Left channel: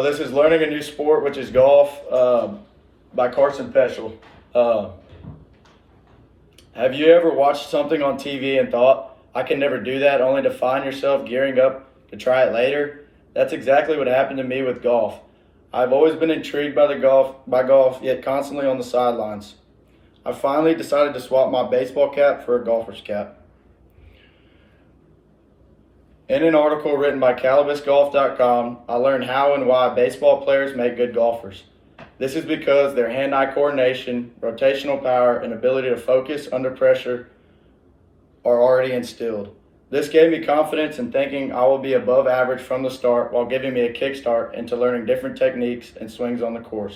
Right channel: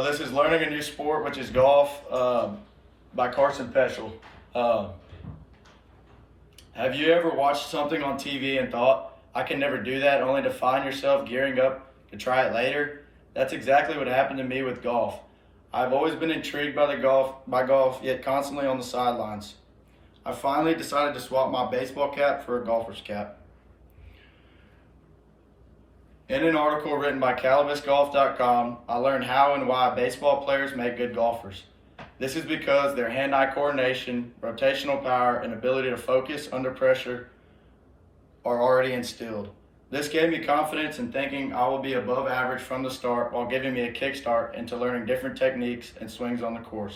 This is Learning a New Sport, which is golf, by Carson Peschel. Have you ever watched something on TV and thought, I can never do that, only to find yourself gearing up to try it later? That's exactly what happened to me with golf. I've always been intrigued by golf, yet constantly on the sidelines. I finally decided to swap my baseball cap for a golfer's cap. In an article written by CalibusGolf.com, I learned how and why baseball players make good golfers. This is because their hand-eye coordination, rotational power, and ability to focus under pressure are already instilled. This gave me confidence in thinking I will be above average from the start while giving me a kickstart into learning different techniques and swings on the course.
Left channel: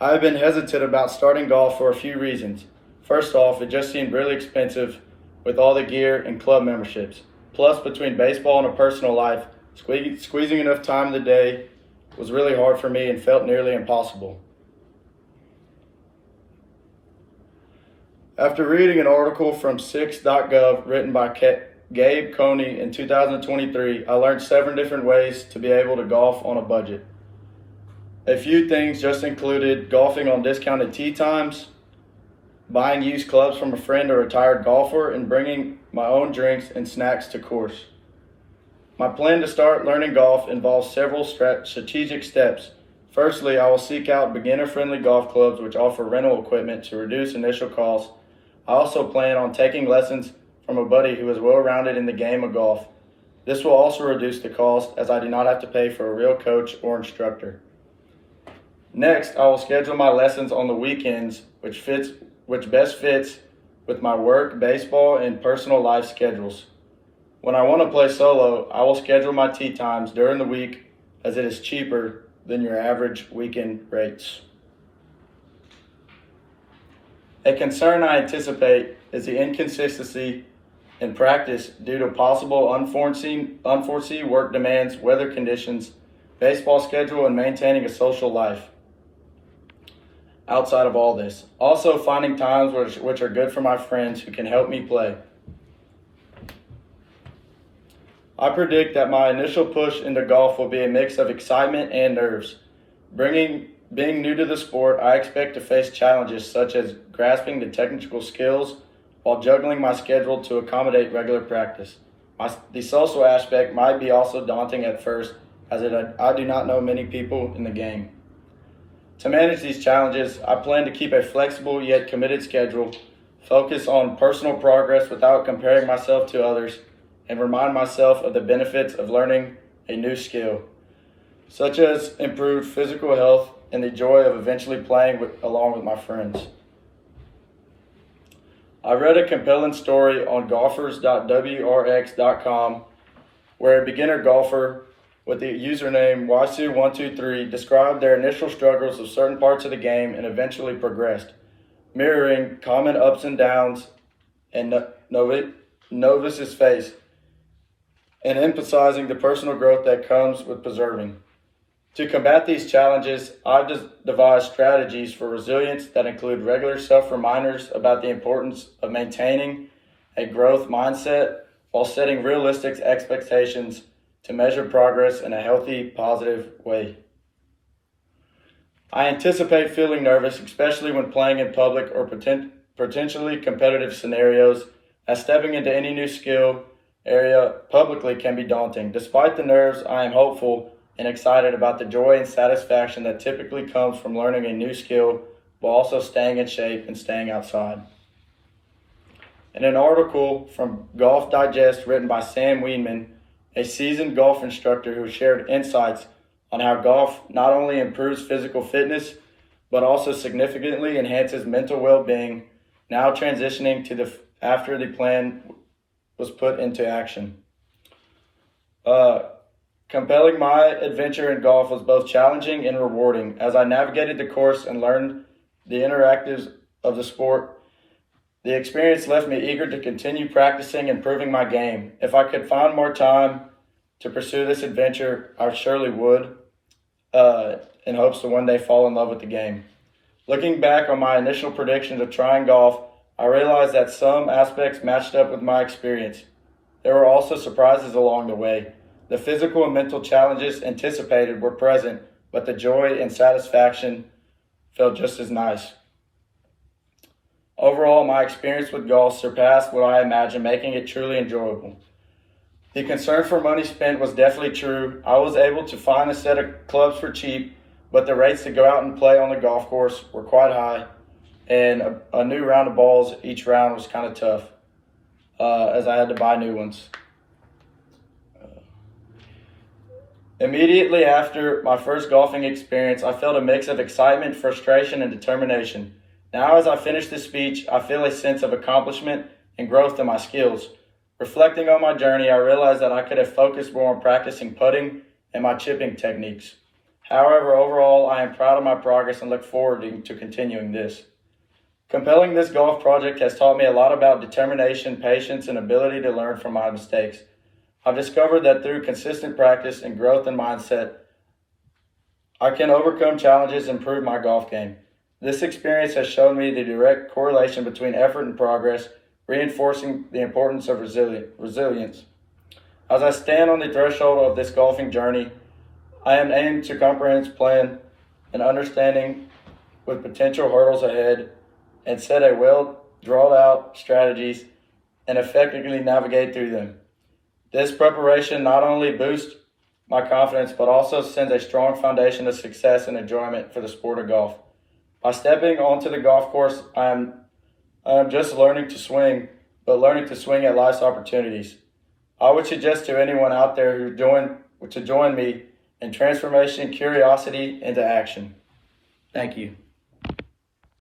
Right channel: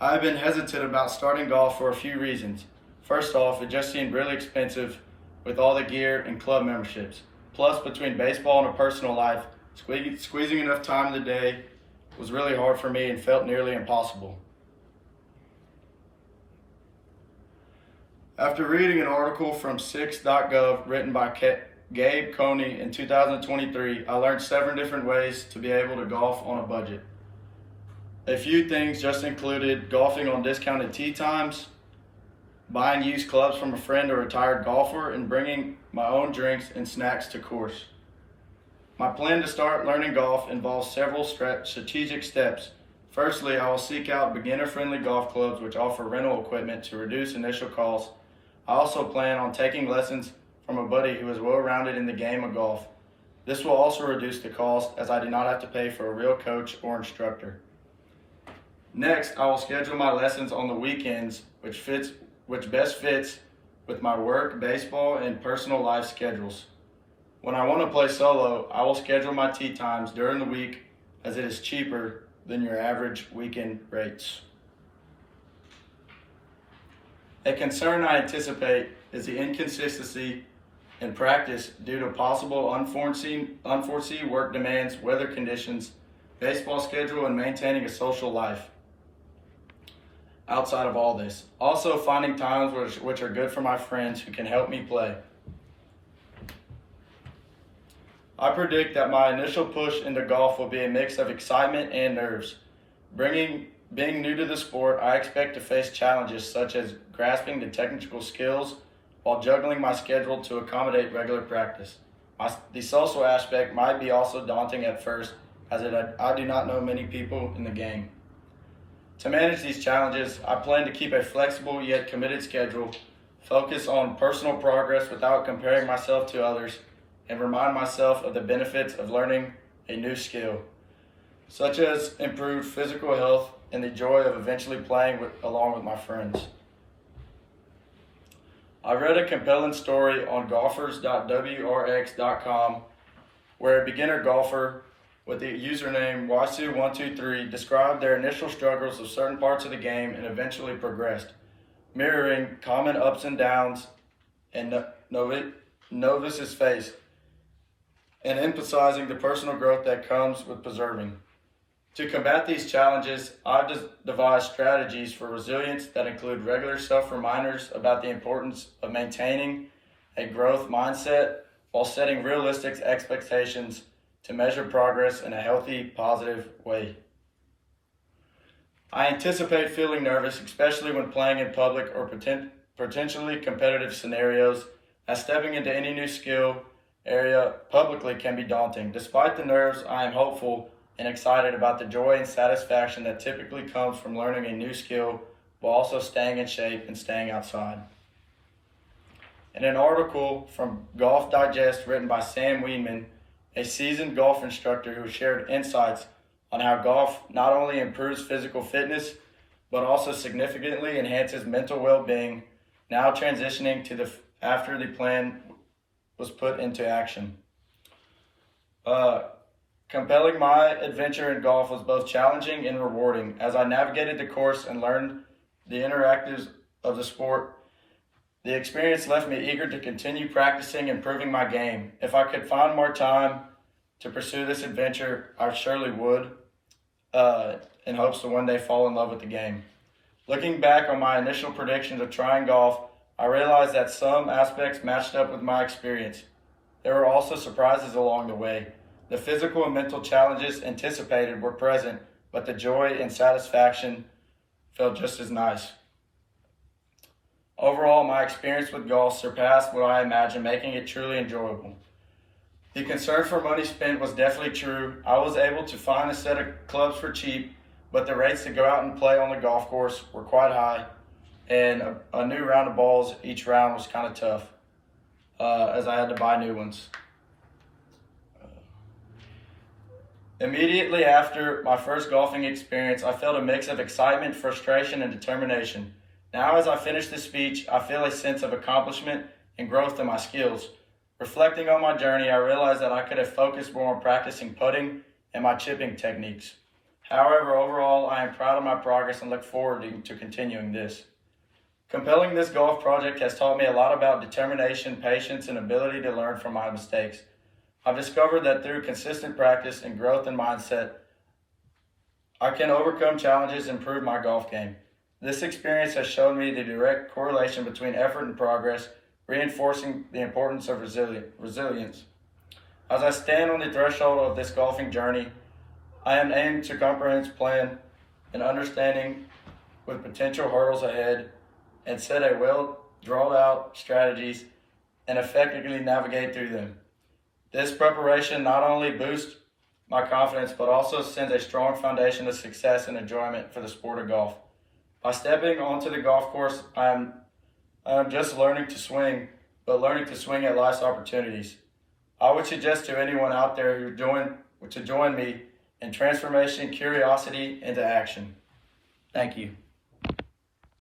I have been hesitant about starting golf for a few reasons. First off, it just seemed really expensive with all the gear and club memberships. Plus, between baseball and a personal life, squeezing enough time in the day was really hard for me and felt nearly impossible. After reading an article from Six.gov written by Gabe Coney in 2023, I learned 7 different ways to be able to golf on a budget. A few things just included golfing on discounted tee times, buying used clubs from a friend or retired golfer, and bringing my own drinks and snacks to course. My plan to start learning golf involves several strategic steps. Firstly, I will seek out beginner-friendly golf clubs which offer rental equipment to reduce initial costs. I also plan on taking lessons from a buddy who is well-rounded in the game of golf. This will also reduce the cost as I do not have to pay for a real coach or instructor. Next, I will schedule my lessons on the weekends, which best fits with my work, baseball, and personal life schedules. When I want to play solo, I will schedule my tee times during the week as it is cheaper than your average weekend rates. A concern I anticipate is the inconsistency in practice due to possible unforeseen work demands, weather conditions, baseball schedule, and maintaining a social life. Outside of all this, also finding times which are good for my friends who can help me play. I predict that my initial push into golf will be a mix of excitement and nerves. Being new to the sport, I expect to face challenges such as grasping the technical skills while juggling my schedule to accommodate regular practice. The social aspect might be also daunting at first, as I do not know many people in the game. To manage these challenges, I plan to keep a flexible yet committed schedule, focus on personal progress without comparing myself to others, and remind myself of the benefits of learning a new skill, such as improved physical health and the joy of eventually playing along with my friends. I read a compelling story on golfers.wrx.com where a beginner golfer with the username Wasu123 described their initial struggles with certain parts of the game and eventually progressed, mirroring common ups and downs and novices face, and emphasizing the personal growth that comes with preserving. To combat these challenges, I've devised strategies for resilience that include regular self-reminders about the importance of maintaining a growth mindset while setting realistic expectations to measure progress in a healthy, positive way. I anticipate feeling nervous, especially when playing in public or potentially competitive scenarios, as stepping into any new skill area publicly can be daunting. Despite the nerves, I am hopeful and excited about the joy and satisfaction that typically comes from learning a new skill while also staying in shape and staying outside. In an article from Golf Digest written by Sam Wienman, a seasoned golf instructor who shared insights on how golf not only improves physical fitness, but also significantly enhances mental well-being, now transitioning to after the plan was put into action. Compelling my adventure in golf was both challenging and rewarding as I navigated the course and learned the interactives of the sport. The experience left me eager to continue practicing and improving my game. If I could find more time to pursue this adventure, I surely would, in hopes to one day fall in love with the game. Looking back on my initial predictions of trying golf, I realized that some aspects matched up with my experience. There were also surprises along the way. The physical and mental challenges anticipated were present, but the joy and satisfaction felt just as nice. Overall, my experience with golf surpassed what I imagined, making it truly enjoyable. The concern for money spent was definitely true. I was able to find a set of clubs for cheap, but the rates to go out and play on the golf course were quite high, and a new round of balls each round was kind of tough, as I had to buy new ones. Immediately after my first golfing experience, I felt a mix of excitement, frustration, and determination. Now, as I finish this speech, I feel a sense of accomplishment and growth in my skills. Reflecting on my journey, I realized that I could have focused more on practicing putting and my chipping techniques. However, overall, I am proud of my progress and look forward to continuing this. Completing this golf project has taught me a lot about determination, patience, and ability to learn from my mistakes. I've discovered that through consistent practice and growth in mindset, I can overcome challenges and improve my golf game. This experience has shown me the direct correlation between effort and progress, reinforcing the importance of resilience. As I stand on the threshold of this golfing journey, I am aimed to comprehensive plan and understanding with potential hurdles ahead and set a well drawn out strategies and effectively navigate through them. This preparation not only boosts my confidence, but also sends a strong foundation of success and enjoyment for the sport of golf. By stepping onto the golf course, I am just learning to swing, but learning to swing at life's opportunities. I would suggest to anyone out there to join me in transformation, curiosity into action. Thank you.